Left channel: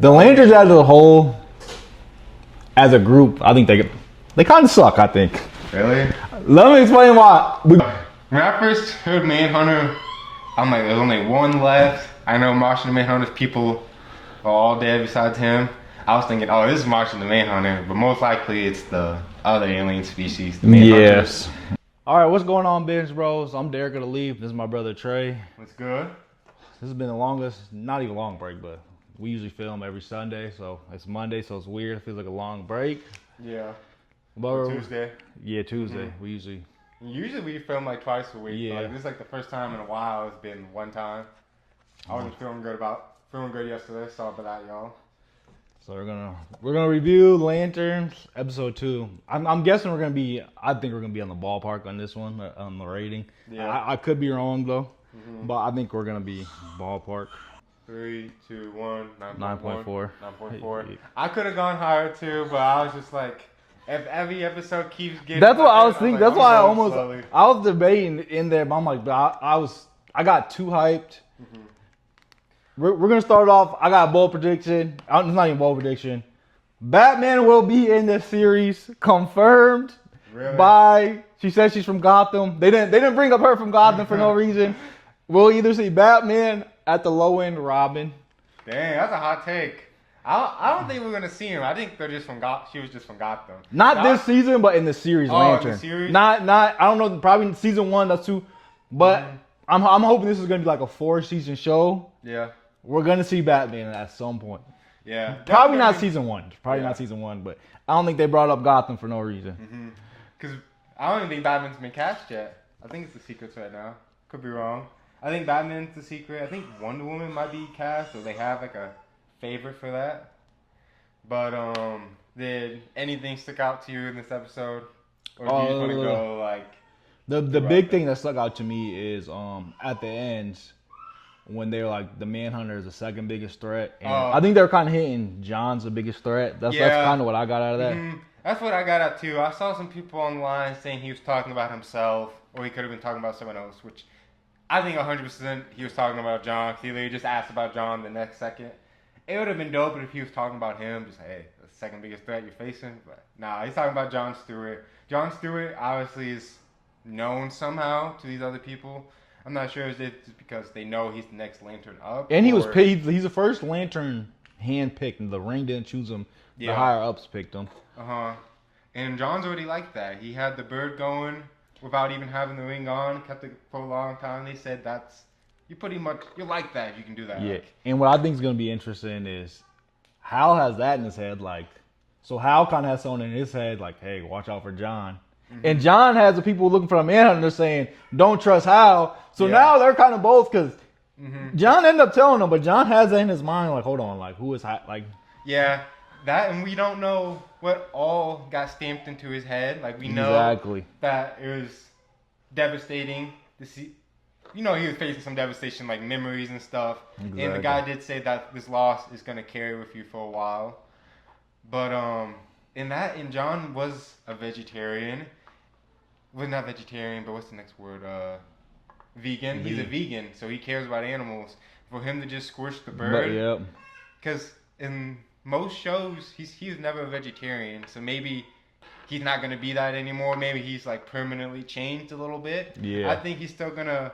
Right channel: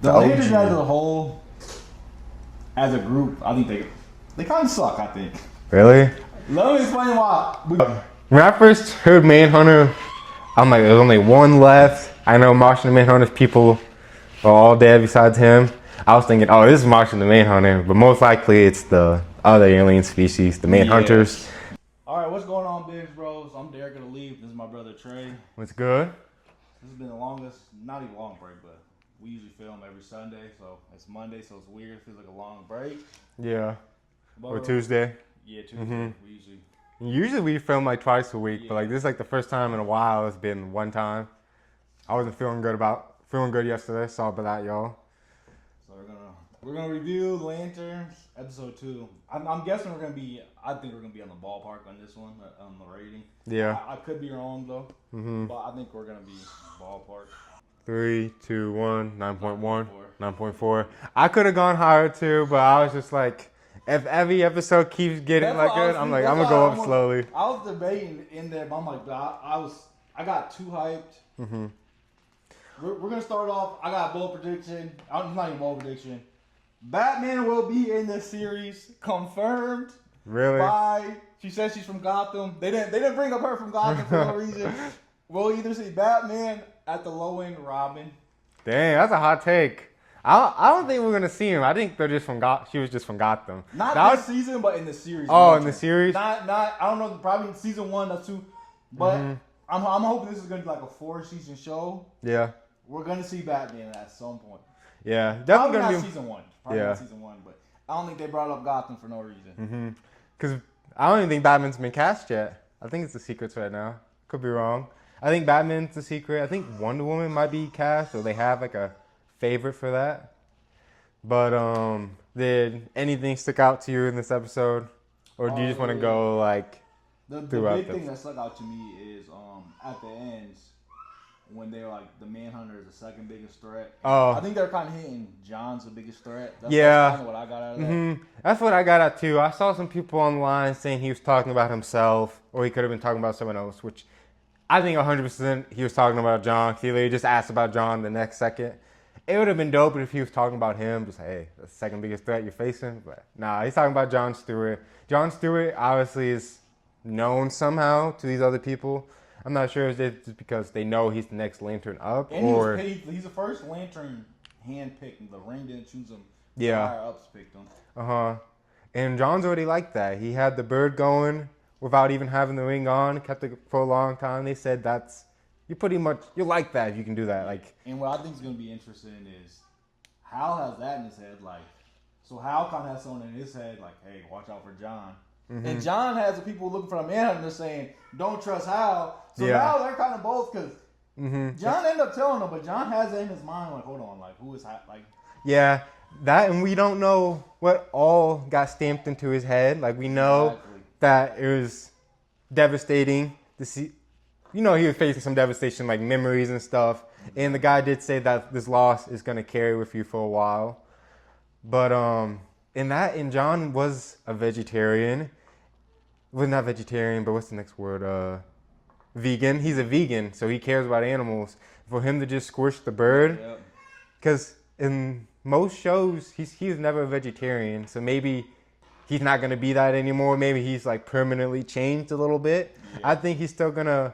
The Lanterns as a whole, as a group, I think they kind of suck. I think. Really? Let me explain why. When I first heard Manhunter, I'm like, there's only one left. I know Martian Manhunter's people are all dead besides him. I was thinking, oh, this is Martian the Manhunter, but most likely it's the other alien species, the Manhunters. Yes. All right, what's going on, Binge Bros? I'm Derek of the Leaf. This is my brother Trey. What's good? This has been the longest, not even long break, but we usually film every Sunday, so it's Monday, so it's weird. It feels like a long break. Yeah. But Or Tuesday. Yeah, Tuesday. We Usually we film like twice a week, Yeah. but like this is like the first time in a while it's been one time. I wasn't feeling good yesterday. Sorry about that, y'all. So we're gonna review Lanterns episode 2. I'm guessing I think we're gonna be on the ballpark on this one, on the rating. Yeah. I could be wrong though, but I think we're gonna be ballpark. 3, 2, 1, 9.1, 9.4. 9.4. I could have gone higher too, but I was just like, if every episode keeps getting That's what I was good, thinking. I'm That's like, why slowly. I was debating in there, but I'm like, I got too hyped. We're gonna start off. I got a bold prediction. It's not even a bold prediction. Batman will be in this series, confirmed. Really? She said she's from Gotham. They didn't bring up her from Gotham for no reason. We'll either see Batman at the low end, Robin. Dang, that's a hot take. I don't think we're gonna see him. I think they're just from She was just from Gotham. Not this season, but in the series. Oh, Lantern. in the series? Not. I don't know. Probably season 1. That's 2. But I'm hoping this is gonna be like a 4-season show. Yeah. We're gonna see Batman at some point. Yeah. Probably not season 1. Probably not season 1. But I don't think they brought up Gotham for no reason. Because I don't even think Batman's been cast yet. I think it's the secrets right now. Could be wrong. I think Batman's the secret. I think Wonder Woman might be cast, or they have like a favorite for that. But did anything stick out to you in this episode, or do you just want to go like? The big thing that stuck out to me is at the end when they're like the Manhunter is the second biggest threat. And I think they're kind of hitting John's the biggest threat. That's kind of what I got out of that. That's what I got out too. I saw some people online saying he was talking about himself, or he could have been talking about someone else, which I think 100% he was talking about John. He literally just asked about John the next second. It would have been dope if he was talking about him, just, hey, the second biggest threat you're facing. But nah, he's talking about John Stewart. John Stewart obviously is known somehow to these other people. I'm not sure if it's just because they know he's the next Lantern up. And he was paid. He's the first Lantern hand-picked, and the ring didn't choose him. The higher-ups picked him. And John's already like that. He had the bird going without even having the ring on. Kept it for a long time. They said you like that if you can do that. Yeah. Like, and what I think is going to be interesting is Hal has that in his head. Like, so Hal kind of has someone in his head like, hey, watch out for John. And John has the people looking for the Manhunter saying, don't trust Hal. So now they're kind of both because John ended up telling them, but John has that in his mind like, hold on, like who is Hal? Like, yeah, that, and we don't know what all got stamped into his head. Like, we know that it was devastating to see. You know, he was facing some devastation, like memories and stuff. Exactly. And the guy did say that this loss is going to carry with you for a while. But and John was a vegetarian. Well, not vegetarian, but what's the next word? Vegan. He's a vegan, so he cares about animals. For him to just squish the bird, because in most shows he's never a vegetarian, so maybe he's not gonna be that anymore. Maybe he's like permanently changed a little bit. I think he's still gonna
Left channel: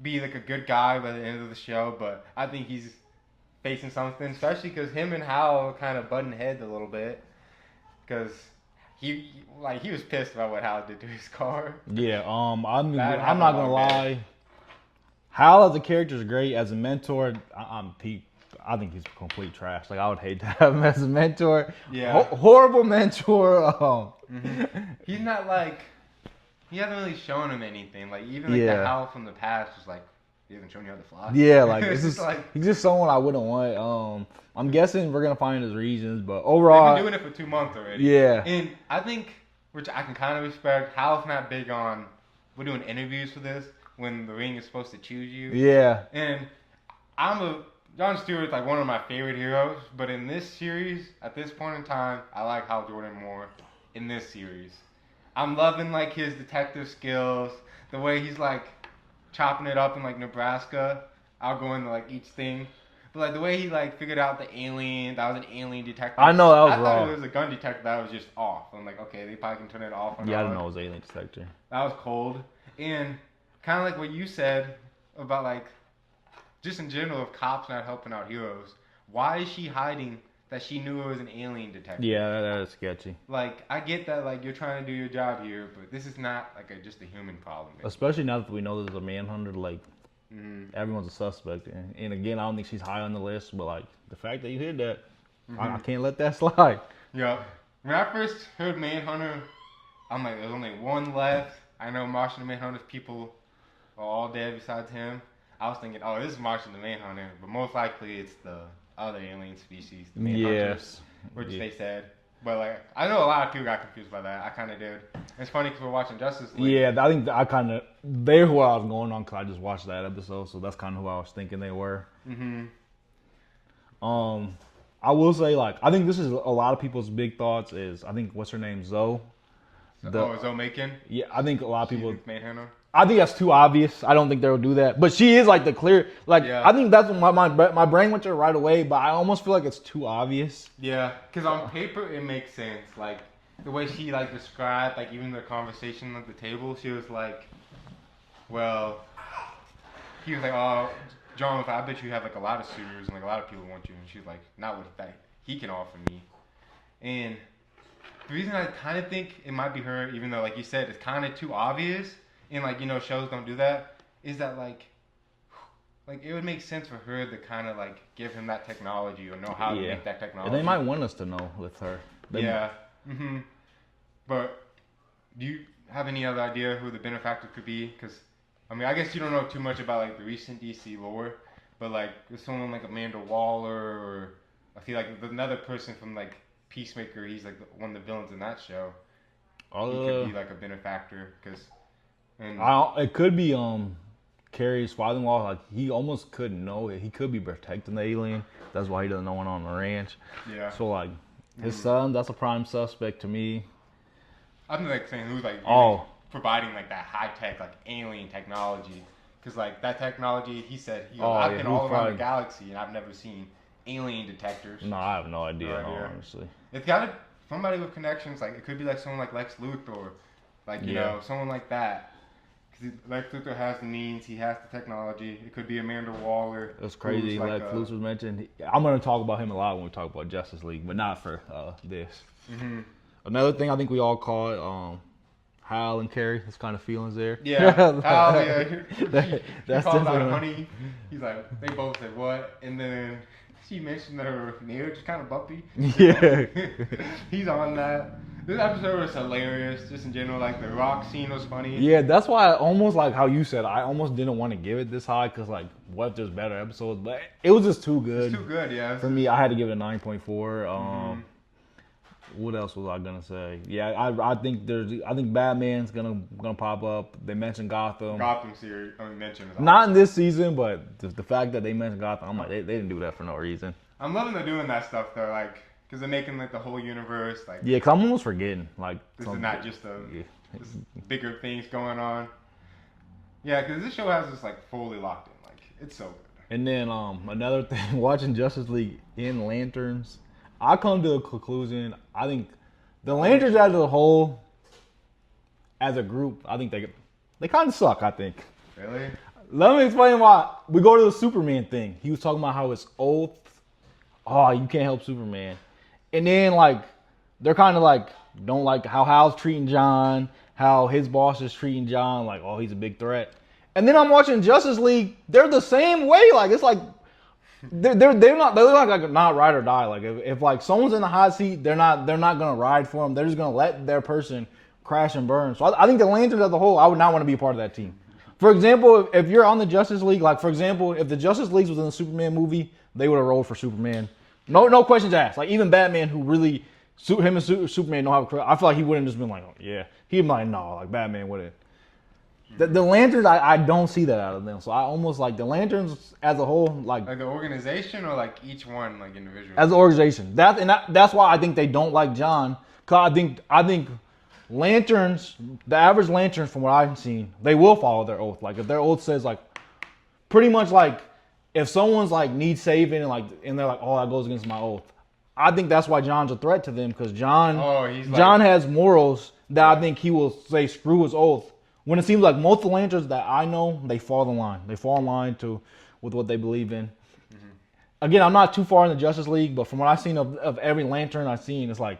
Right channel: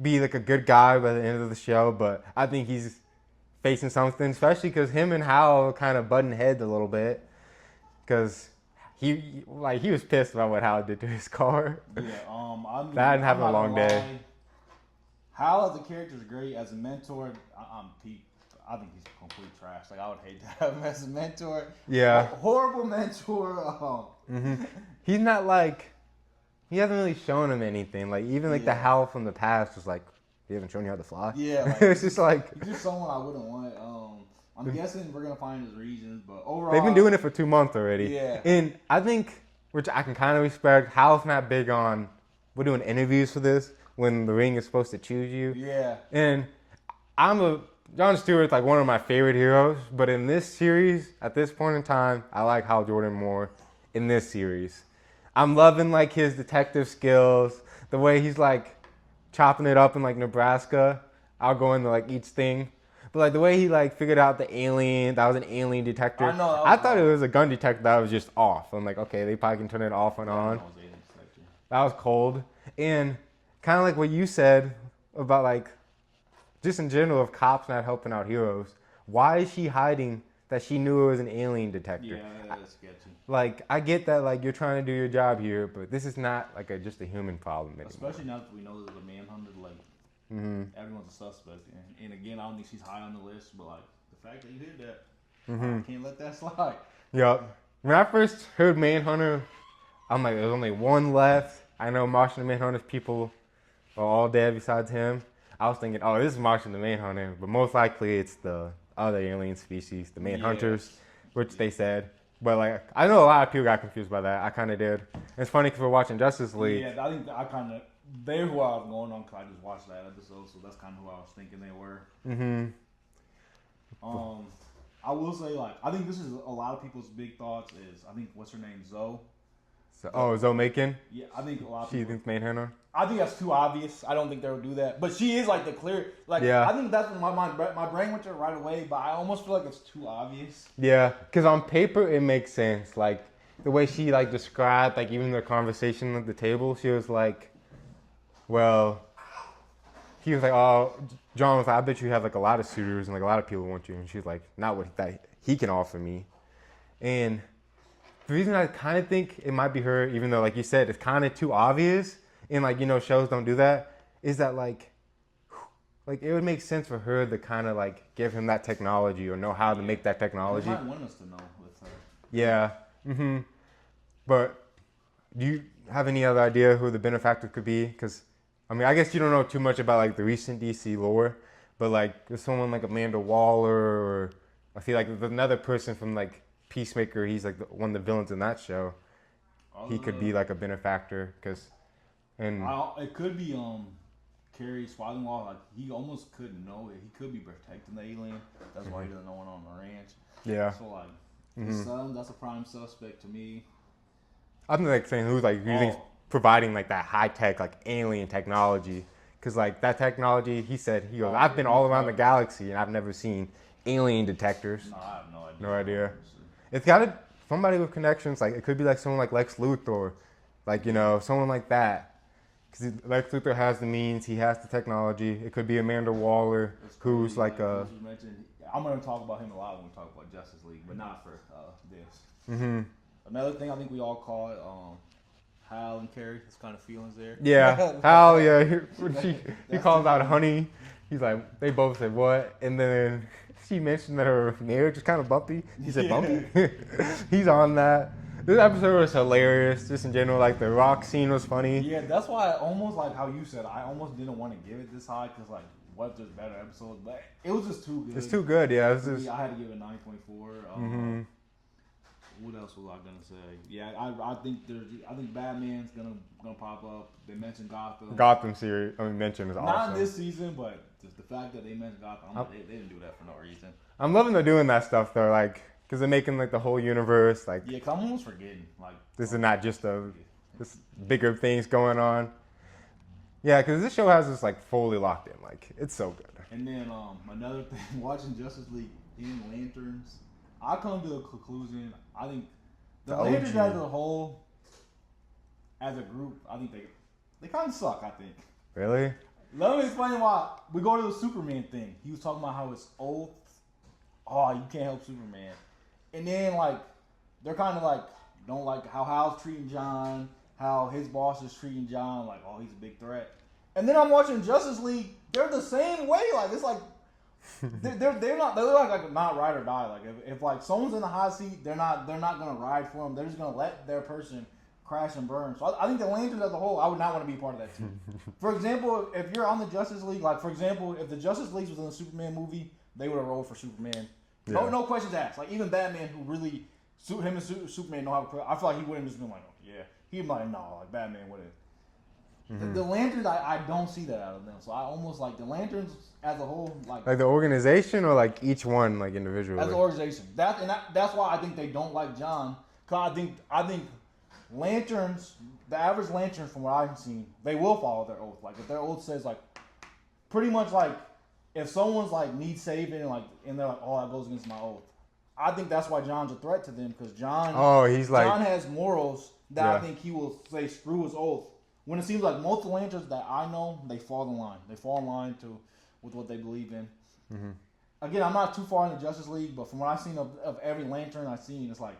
be like a good guy by the end of the show, but I think he's facing something, especially because him and Hal kind of butting heads a little bit, because he was pissed about what Hal did to his car. Yeah, I'm not gonna lie. Hal as a character is great. As a mentor, I think he's complete trash. Like, I would hate to have him as a mentor. Yeah, horrible mentor. He's not like. He hasn't really shown him anything. Like, even like the Hal from the past was like, he hasn't shown you how to fly. Yeah, like it's just like he's just someone I wouldn't want. I'm guessing we're gonna find his reasons, but overall they've been doing it for 2 months already. Yeah, and I think, which I can kind of respect, Hal's not big on. We're doing interviews for this when the ring is supposed to choose you. Yeah, and John Stewart's like one of my favorite heroes, but in this series, at this point in time, I like Hal Jordan more in this series. I'm loving like his detective skills, the way he's like chopping it up in like Nebraska. I'll go into like each thing. But like the way he like figured out the alien, that was an alien detector. I know that was I thought wrong. it was a gun detector that was just off. I'm like, okay, they probably can turn it off and on. I didn't know it was alien detector. That was cold. And kind of like what you said about like, just in general of cops not helping out heroes. Why is she hiding that she knew it was an alien detector? Yeah, that is sketchy. Like, I get that, like, you're trying to do your job here, but this is not, like, just a human problem. Especially now that we know there's a manhunter, like, everyone's a suspect. And again, I don't think she's high on the list, but, like, the fact that you hit that, I can't let that slide. Yep. When I first heard Manhunter, I'm like, there's only one left. I know Martian the Manhunter's people are all dead besides him. I was thinking, oh, this is Martian the Manhunter, but most likely it's the other alien species, the Manhunters, which they said. But like, I know a lot of people got confused by that. I kind of did. It's funny because we're watching Justice League. Yeah, I think they're who I was going on because I just watched that episode, so that's kind of who I was thinking they were. I will say, like, I think this is a lot of people's big thoughts is, I think, what's her name, Zoe? Zoe Macon? Yeah, I think a lot of people. Manhunter? I think that's too obvious. I don't think they'll do that. But she is like the clear, like, I think that's what my brain went to her right away, but I almost feel like it's too obvious. Yeah, because on paper it makes sense. Like, the way she, like, described, like, even the conversation at the table, she was like, well, he was like, oh, John, I bet you have, like, a lot of suitors and, like, a lot of people want you. And she was like, not what that he can offer me. And the reason I kind of think it might be her, even though, like you said, it's kind of too obvious, and, like, you know, shows don't do that, is that, like, it would make sense for her to kind of, like, give him that technology or know how to make that technology. And they might want us to know with her. But do you have any other idea who the benefactor could be? Because, I mean, I guess you don't know too much about, like, the recent DC lore, but, like, there's someone like Amanda Waller, or I feel like there's another person from, like, Peacemaker. He's, like, one of the villains in that show. He could be, like, a benefactor, because... it could be Carrie's father-in-law. Like, he almost couldn't know it. He could be protecting the alien. That's why he doesn't know one on the ranch. Yeah. So, like, his son, that's a prime suspect to me. I'm like saying who's like providing like that high tech, like alien technology, because like that technology, he said, I've been all around the galaxy and I've never seen alien detectors. No, I have no idea. Honestly, it's got to somebody with connections. Like, it could be like someone like Lex Luthor, like you know, someone like that. Because Lex Luthor has the means, he has the technology. It could be Amanda Waller. That's crazy. Like Lex was mentioned. I'm going to talk about him a lot when we talk about Justice League, but not for this. Another thing I think we all caught, Hal and Carrie. There's kind of feelings there. Yeah, Hal. Yeah, he called out Honey. He's like, they both said what, and then she mentioned that her marriage is kind of bumpy. He's on that. This episode was hilarious, just in general. Like, the rock scene was funny. Yeah, that's why I almost, like how you said, I almost didn't want to give it this high, because, like, what if there's better episodes? But it was just too good. It's too good, yeah. For me, I had to give it a 9.4. What else was I gonna say? Yeah, I think Batman's gonna pop up. They mentioned Gotham. Gotham series, mentioned is awesome. Not in this season, but the fact that they mentioned Gotham, I'm like, they didn't do that for no reason. I'm loving they're doing that stuff though, like, because they're making like the whole universe like. Yeah, cause I'm almost forgetting like this is not just this bigger things going on. Yeah, because this show has us like fully locked in. Like, it's so good. And then another thing, watching Justice League in Lanterns, I come to a conclusion. I think the Lanterns as a whole, as a group, I think they kind of suck. I think. Really? Let me explain why. We go to the Superman thing. He was talking about how it's oath. Oh, you can't help Superman. And then like they're kind of like don't like how Hal's treating John, how his boss is treating John. Like, oh, he's a big threat. And then I'm watching Justice League. They're the same way. Like, it's like. They're not ride or die. Like, if like someone's in the hot seat, they're not gonna ride for them. They're just gonna let their person crash and burn. So I think the Lanterns as a whole, I would not want to be a part of that team. For example, if you're on the Justice League, like for example, if the Justice League was in the Superman movie, they would have rolled for Superman. No questions asked. Like even Batman, who really him and Superman don't have I feel like he wouldn't just been like, oh yeah, he'd be like, no, like Batman wouldn't. The Lanterns, I don't see that out of them. So I almost like the Lanterns as a whole, like the organization or like each one, like individually. As an organization, that's why I think they don't like John. Cause I think Lanterns, the average Lanterns from what I've seen, they will follow their oath. Like if their oath says like, pretty much like, if someone's like needs saving and they're like, oh, that goes against my oath. I think that's why John's a threat to them because John has morals that I think he will say screw his oath. When it seems like most of the Lanterns that I know, they fall in line. They fall in line with what they believe in. Mm-hmm. Again, I'm not too far in the Justice League, but from what I've seen of every Lantern I've seen, it's like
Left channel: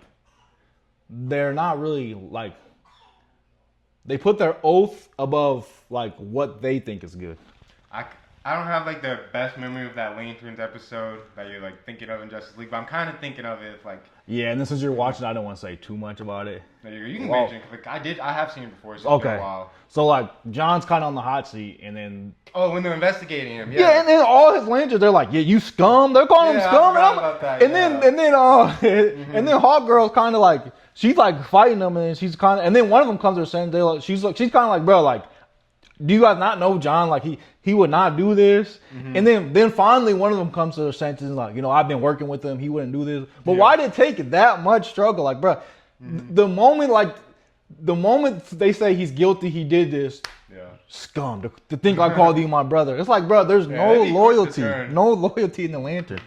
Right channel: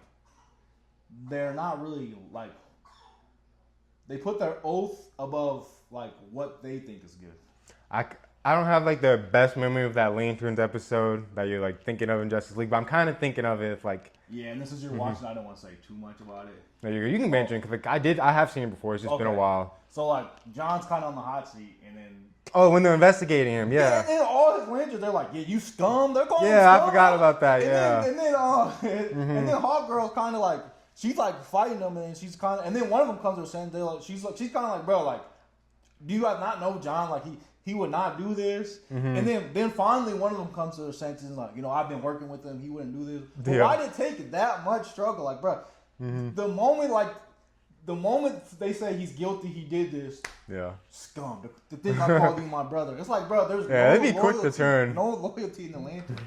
they're not really like they put their oath above like what they think is good. I don't have like the best memory of that Lanterns episode that you're like thinking of in Justice League, but I'm kind of thinking of it like. Yeah, and then since you're watching, I don't want to say too much about it. You can mention because like, I have seen it before. It's just been a while. So like John's kind of on the hot seat, and then when they're investigating him, and then all his Lanterns, they're like, yeah, you scum. They're calling him scum. I forgot about that. And then Hawk Girl's kind of like she's like fighting them, and she's kind of, and then one of them comes to her saying, she's kind of like, bro, like, do you guys not know John? Like he would not do this. Mm-hmm. And then finally one of them comes to their senses and like, I've been working with him. He wouldn't do this. But why did it take that much struggle? Like, bro, the moment they say he's guilty, he did this. Yeah. Scum. To think I called you my brother. It's like, bro, there's no loyalty. No loyalty in the Lantern.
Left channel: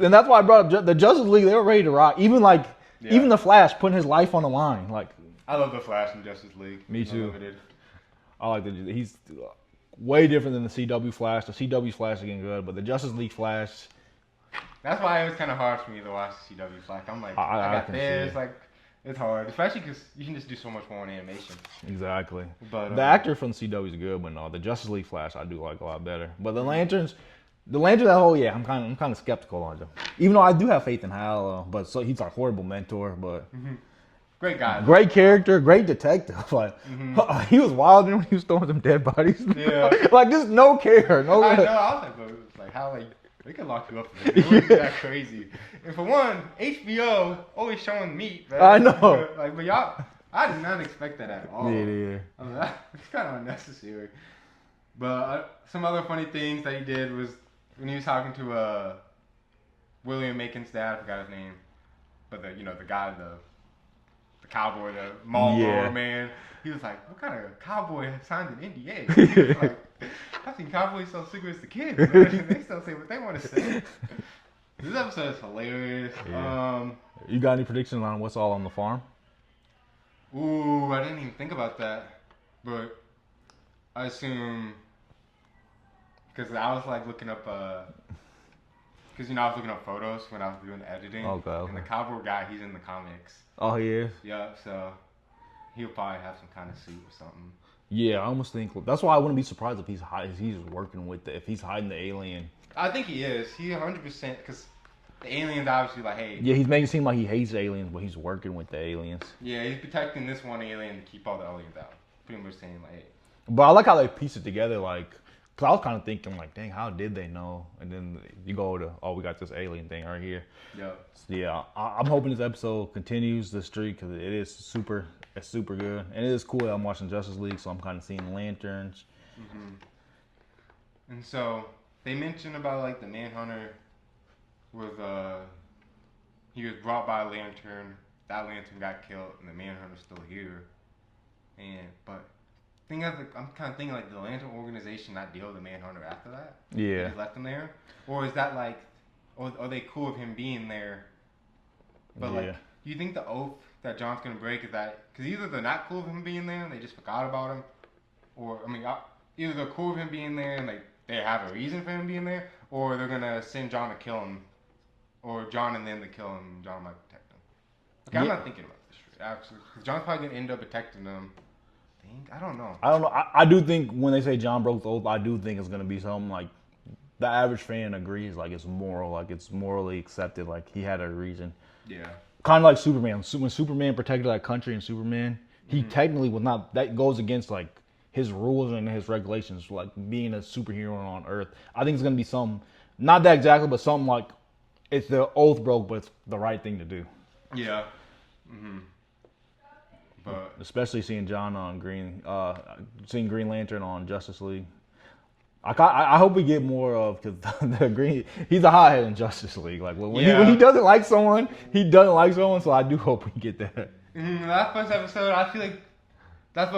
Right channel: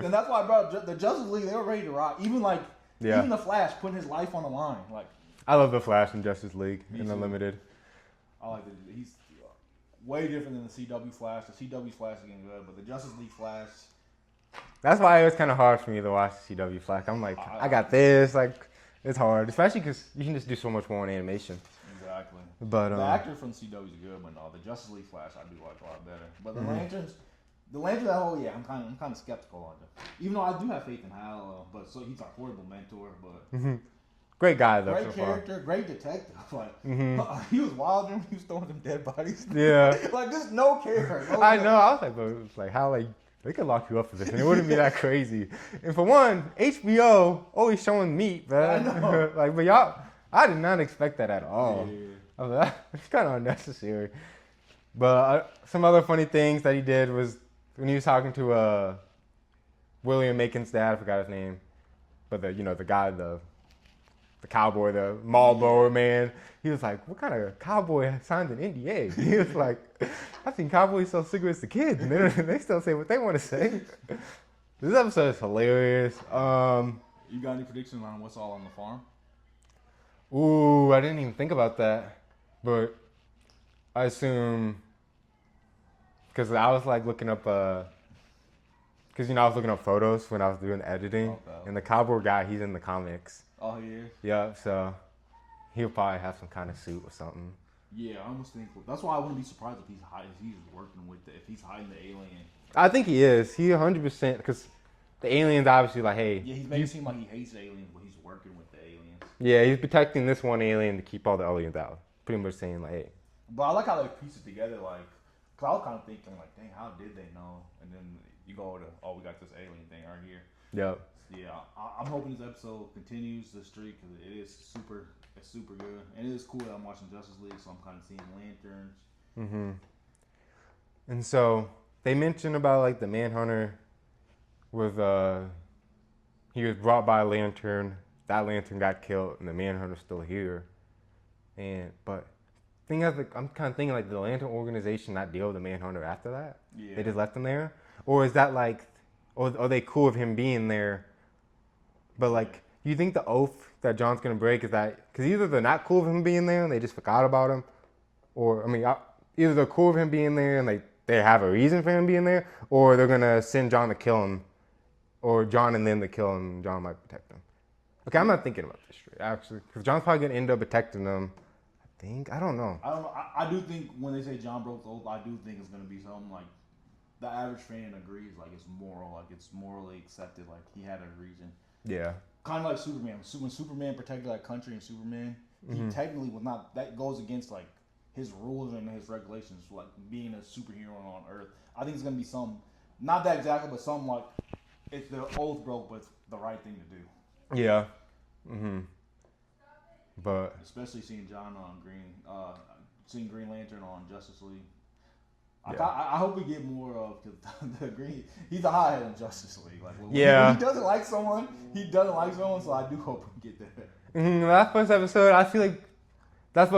And that's why I brought up the Justice League. They were ready to rock. Even the Flash putting his life on the line. Like, I love the Flash in Justice League. Me too. Unlimited. I like he's way different than the CW Flash. The CW Flash is getting good, but the Justice League Flash. That's why it was kind of hard for me to watch the CW Flash. I'm like, I got this. Like, it's hard, especially because you can just do so much more on animation. Exactly. But the actor from CW is good, but no, the Justice League Flash I do like a lot better. But the Lanterns, I'm kind of skeptical on them. Even though I do have faith in Hal, but he's a horrible mentor, but. Great guy. Great character, great detective. Like he was wild when he was throwing some dead bodies. Yeah. Like just no care. I know. I was like, but it's like how like they could lock you up for this. It wouldn't be that crazy. And for one, HBO always showing meat. Man. I know. Like, but y'all, I did not expect that at all. Yeah. I was like, it's kind of unnecessary. But some other funny things that he did was when he was talking to William Macon's dad. I forgot his name, but the guy the cowboy, the Marlboro man. He was like, what kind of cowboy signed an NDA? He was like, I've seen cowboys sell cigarettes to kids. They still say what they want to say. This episode is hilarious. Yeah. You got any predictions on what's all on the farm? Ooh, I didn't even think about that. But I assume, because I was like looking up, because I was looking up photos when I was doing the editing. Okay. And the cowboy guy, he's in the comics. Oh, he is? Yeah, so he'll probably have some kind of suit or something. Yeah, I almost think that's why I wouldn't be surprised if he's working with if he's hiding the alien. I think he is. He 100% because the alien's obviously like, hey. Yeah, he's making it seem like he hates aliens, but he's working with the aliens. Yeah, he's protecting this one alien to keep all the aliens out. Pretty much saying like, hey. But I like how they piece it together, like, because I was kind of thinking like, dang, how did they know? And then you go to, we got this alien thing right here. Yeah. So, yeah, I'm hoping this episode continues the streak because it's super good. And it is cool that I'm watching Justice League, so I'm kind of seeing Lanterns. Mm-hmm. And so they mentioned about like the Manhunter with, he was brought by a Lantern. That Lantern got killed, and the Manhunter's still here. But I'm kind of thinking like the Lantern organization not deal with the Manhunter after that. Yeah. They just left him there, or is that like, or are they cool with him being there? But like, you think the oath that John's gonna break is that because either they're not cool with him being there and they just forgot about him, or either they're cool with him being there and they have a reason for him being there, or they're gonna send John to kill him, or John and them to kill him. And John might protect him. Okay, I'm not thinking about this straight actually, because John's probably gonna end up protecting them. I don't know. I do think when they say John broke the oath, I do think it's gonna be something like the average fan agrees, like it's moral, like it's morally accepted, like he had a reason. Yeah. Kind of like Superman. When Superman protected that country in Superman, he technically was not. That goes against like his rules and his regulations, like being a superhero on Earth. I think it's gonna be something, not that exactly, but something like it's the oath broke, but it's the right thing to do. Yeah. Mm-hmm. But especially seeing John on seeing Green Lantern on Justice League. I hope we get more of because the Green. He's a hothead in Justice League. Like when he doesn't like someone, he doesn't like someone. So I do hope we get that. That first episode, I feel like that's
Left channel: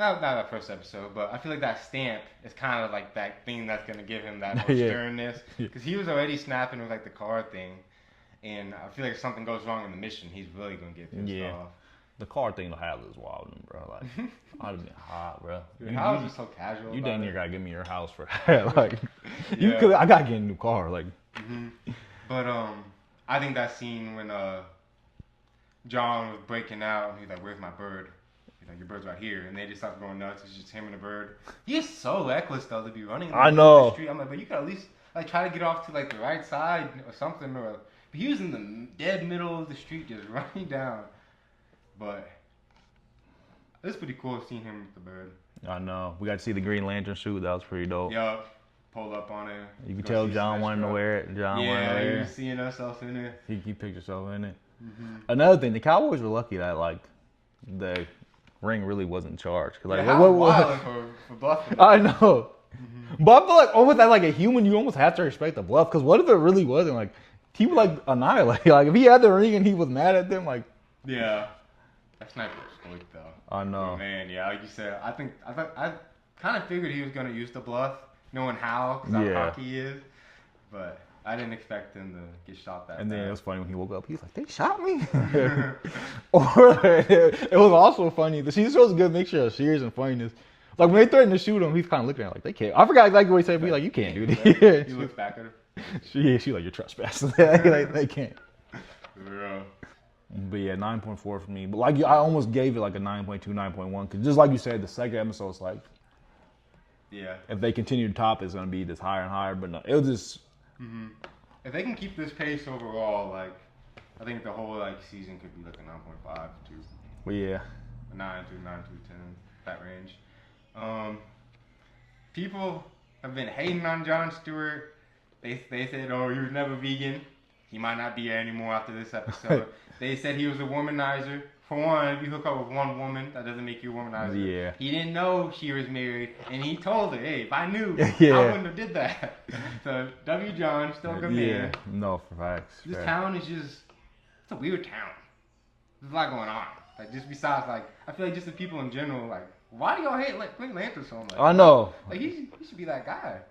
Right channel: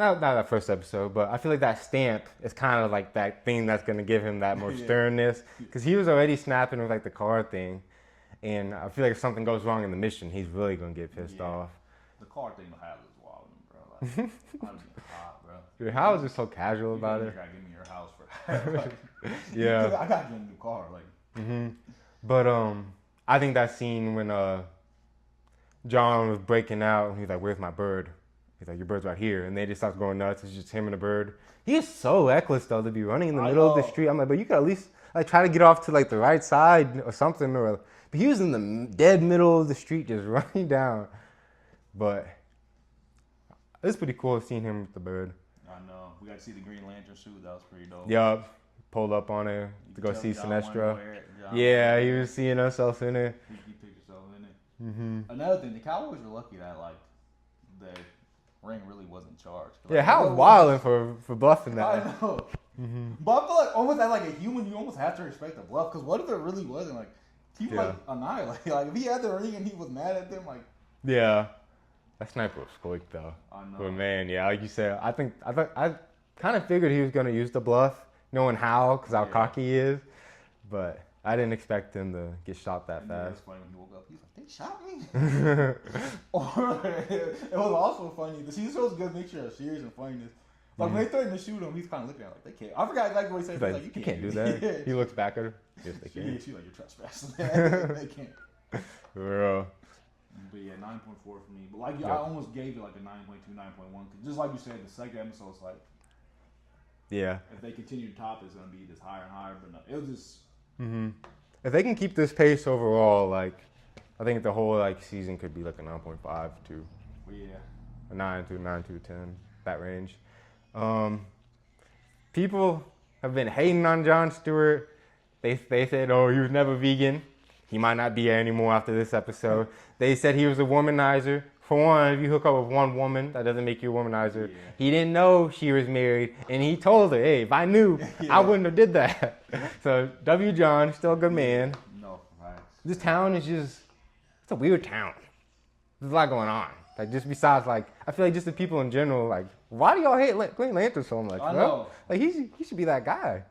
not that first episode, but I feel like that stamp is kind of like that thing that's gonna give him that more sternness, because he was already snapping with like the car thing, and I feel like if something goes wrong in the mission, he's really gonna get pissed off. The car thing will have this wild, bro. Like, I was getting hot, bro. Dude, how is it so casual you about damn it? near gotta give me your house for that. Like, I gotta get a new car. Like, but I think that scene when John was breaking out and he's like, "Where's my bird?" He's like, "Your bird's right here," and they just start going nuts. It's just him and the bird. He is so reckless though to be running in the middle of the street. I'm like, but you could at least like try to get off to like the right side or something. But he was in the dead middle of the street just running down. But it's pretty cool seeing him with the bird. I know. We got to see the Green Lantern suit. That was pretty dope. Yup. Pulled up on it. You can tell John wanted to wear it. He was seeing himself in it. He picked himself in it. Another thing, the Cowboys were lucky that like the ring really wasn't charged. Like, how wild for bluffing that. I know. But I feel like almost as like a human, you almost have to respect the bluff. Because what if it really wasn't? Like, he would like annihilate. Like, if he had the ring and he was mad at them, like. Yeah. That sniper was quick though. I know. But man, like you said, I kind of figured he was gonna use the bluff, knowing how, because how cocky he is. But I didn't expect him to get shot that fast. And then it was funny when he woke up. He was like, "They shot me." Or it was also funny. The season shows a good mixture of serious and funniness. Like when they threatened to shoot him, he's kind of looking at it like they can't. I forgot exactly what he said. But he's like, "You can't do that." He looks back at her. She's like, "You're trespassing." They can't. For real. But yeah, 9.4 for me. But like I almost gave it like a 9.2, 9.1. Because just like you said, the second episode is like, if they continue to top, it's gonna be just higher and higher. But no, it was just. If they can keep this pace overall, like I think the whole like season could be like a 9.5 to. Well, yeah. A 9 to 10, that range. People have been hating on Jon Stewart. They said, "Oh, he was never vegan. He might not be there anymore after this episode." They said he was a womanizer. For one, if you hook up with one woman, that doesn't make you a womanizer. Yeah. He didn't know she was married, and he told her, "Hey, if I knew, I wouldn't have did that." So, W. John, still a good man. No, for facts. This town is it's a weird town. There's a lot going on. Like, just besides, like, I feel like just the people in general, like, why do y'all hate Green Lantern so much? I know. Like, he should be that guy.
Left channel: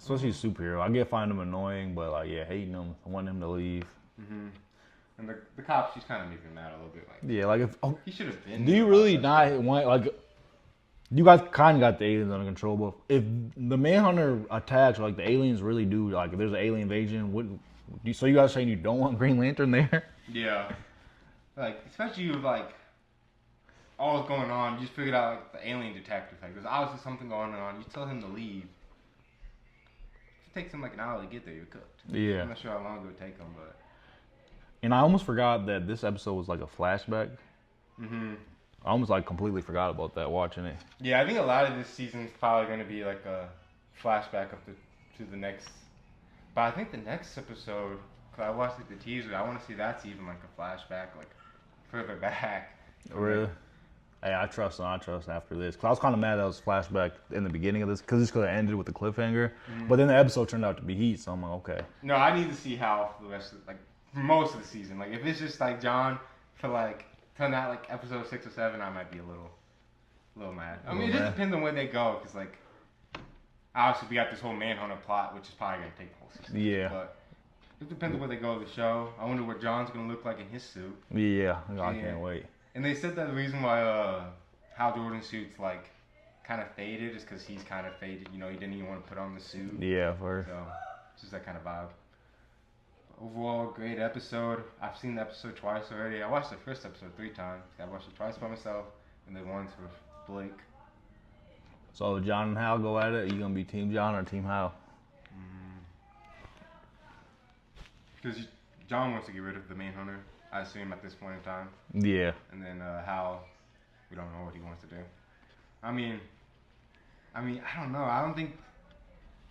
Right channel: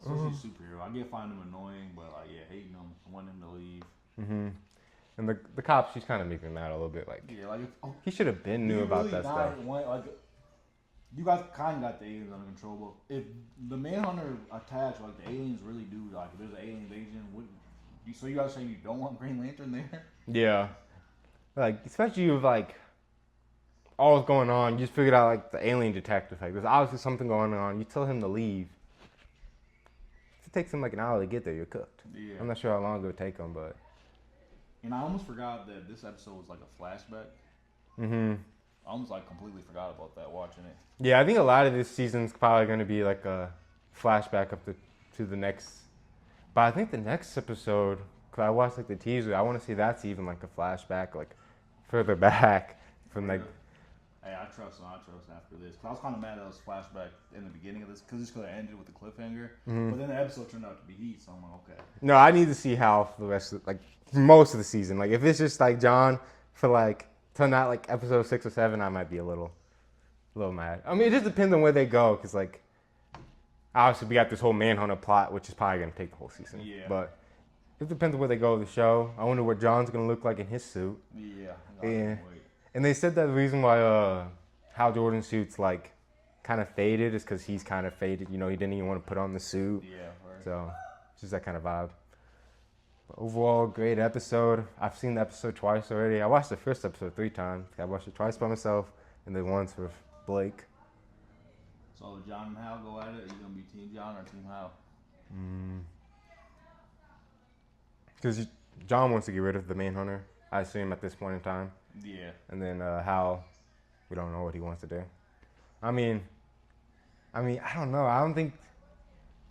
Especially superhero. I get find him annoying, but like, hating him, I want him to leave. And the cops, he's kind of making that a little bit like. Yeah, like if he should have been. Do you really not want like? You guys kind of got the aliens under control, but if the Manhunter attacks, like the aliens really do, like if there's an alien invasion, so you guys saying you don't want Green Lantern there? Yeah. Like especially with like all that's going on, you just figured out like the alien detective. Like there's obviously something going on. You tell him to leave. If it takes him like an hour to get there, you're cooked. Yeah. I'm not sure how long it would take him, but. And I almost forgot that this episode was like a flashback. I almost like completely forgot about that watching it. Yeah, I think a lot of this season's probably going to be like a flashback up to the next. But I think the next episode, because I watched like the teaser, I want to see that's even like a flashback, like further back. Really? Like, hey, I trust after this. Because I was kind of mad that it was flashback in the beginning of this, because it's going to end with the cliffhanger. But then the episode turned out to be Heat, so I'm like, okay. No, I need to see how for the rest of, like, most of the season. Like, if it's just like John for like, till not like episode 6 or 7, I might be a little mad. I mean, it just depends on where they go, because like, obviously we got this whole Manhunter plot, which is probably going to take the whole season. Yeah. But it depends on where they go with the show. I wonder what John's going to look like in his suit. Yeah, I can't wait. And they said that the reason why Hal Jordan's suit's like kind of faded is because he's kind of faded. You know, he didn't even want to put on the suit. Yeah, so it's just that kind of vibe. But overall, great episode. I've seen the episode twice already. I watched the first episode 3 times. I watched it twice by myself and then once with Blake. So John and Hal go at it. Are you gonna be Team John or Team Hal? Because John wants to get rid of the Manhunter, I assume, at this point in time. Yeah. And then Hal, we don't know what he wants to do. I mean, I don't know. I don't think.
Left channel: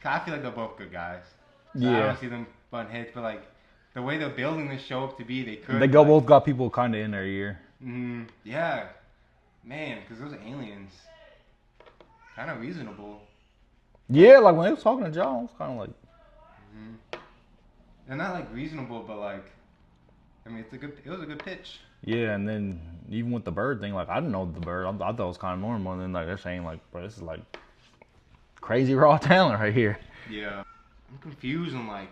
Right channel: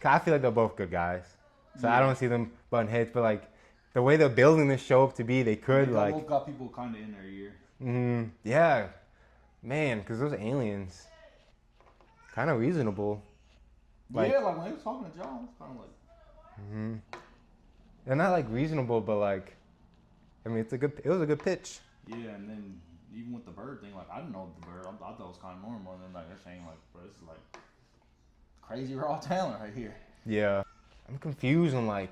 I feel like they're both good guys. So I don't see them butting heads, but like the way they're building this show up to be, they could. They both got people kind of in their ear. Yeah, man, because those aliens, kind of reasonable. Yeah, like when they was talking to John, it was kind of like. They're not like reasonable, but like I mean, it was a good pitch. Yeah, and then even with the bird thing, like I didn't know the bird. I thought it was kind of normal. And then like they're saying like, bro, this is like crazy raw talent right here. Yeah, I'm confused on like,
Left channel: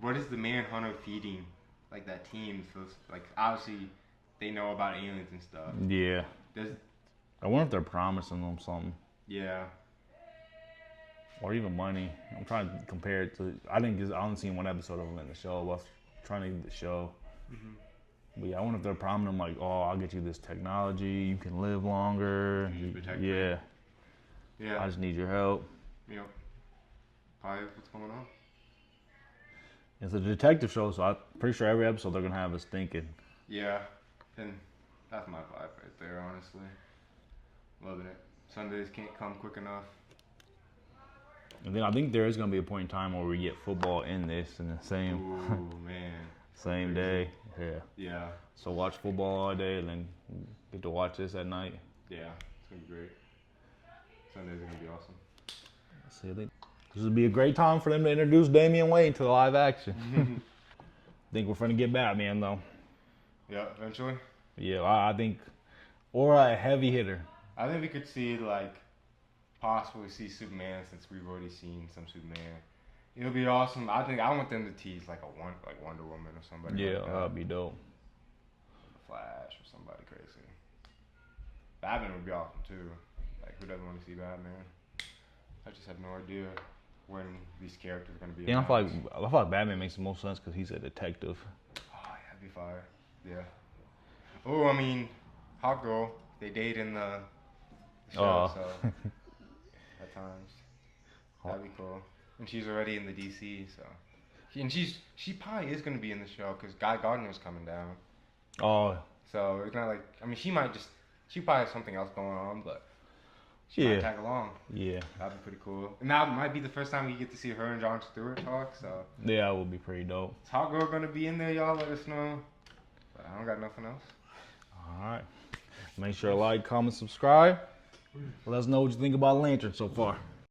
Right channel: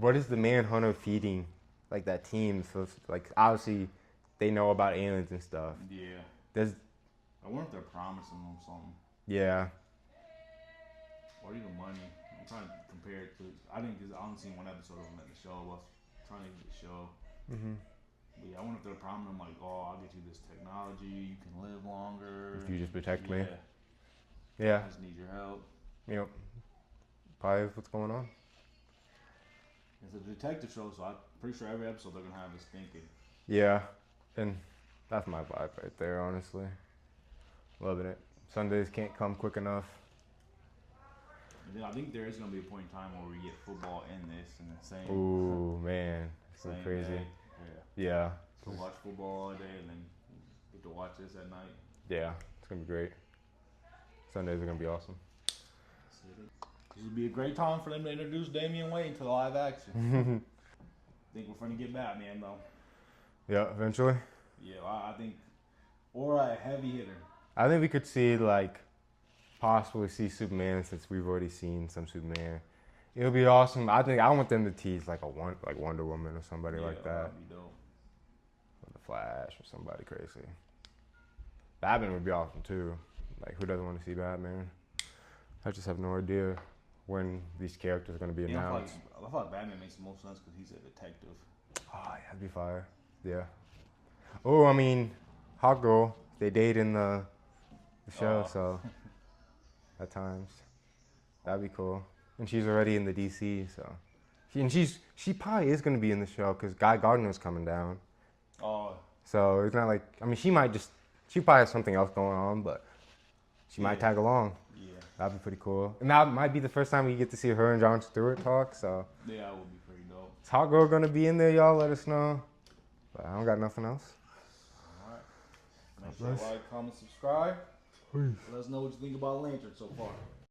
what is the Manhunter feeding like that team? So it's, like obviously they know about aliens and stuff. Yeah. I wonder if they're promising them something. Yeah. Or even money. I'm trying to compare it to. I only seen one episode of them in the show. But I was trying to get the show. Mm-hmm. But yeah, I wonder if they're promising them like, oh, I'll get you this technology. You can live longer. You just protect me. Yeah. Yeah. I just need your help. Yep. Probably what's going on. It's a detective show, so I'm pretty sure every episode they're gonna have us thinking. Yeah. And that's my vibe right there, honestly. Loving it. Sundays can't come quick enough. And then I think there is gonna be a point in time where we get football in this in the same. Ooh, man. Same day. Yeah. Yeah. So watch football all day and then get to watch this at night. Yeah. It's gonna be great. Sundays are gonna be awesome. See, this would be a great time for them to introduce Damian Wayne to live action. I think we're gonna get Batman though. Yeah, eventually. Yeah, I think, or a heavy hitter. I think we could see like possibly see Superman since we've already seen some Superman. It'll be awesome. I want them to tease like Wonder Woman or somebody like that. That'd be dope. Or the Flash or somebody crazy. Batman would be awesome too. Like who doesn't want to see Batman? I just have no idea when these characters are gonna be announced. I feel like Batman makes the most sense because he's a detective. Oh yeah, that'd be fire. Yeah. Oh, I mean, Hot Girl. They date in the show, so at times that'd be cool. And she's already in the DC, so she probably is gonna be in the show because Guy Gardner's coming down. Oh. So it's not like she probably has something else going on, but she might tag along. Yeah. That'd be pretty cool. And that might be the first time we get to see her and Jon Stewart talk. So yeah, it would be pretty dope. Is Hot Girl gonna be in there? Y'all let us know. But I don't got nothing else. All right. Make sure to like, comment, subscribe. Let us know what you think about Lantern so far.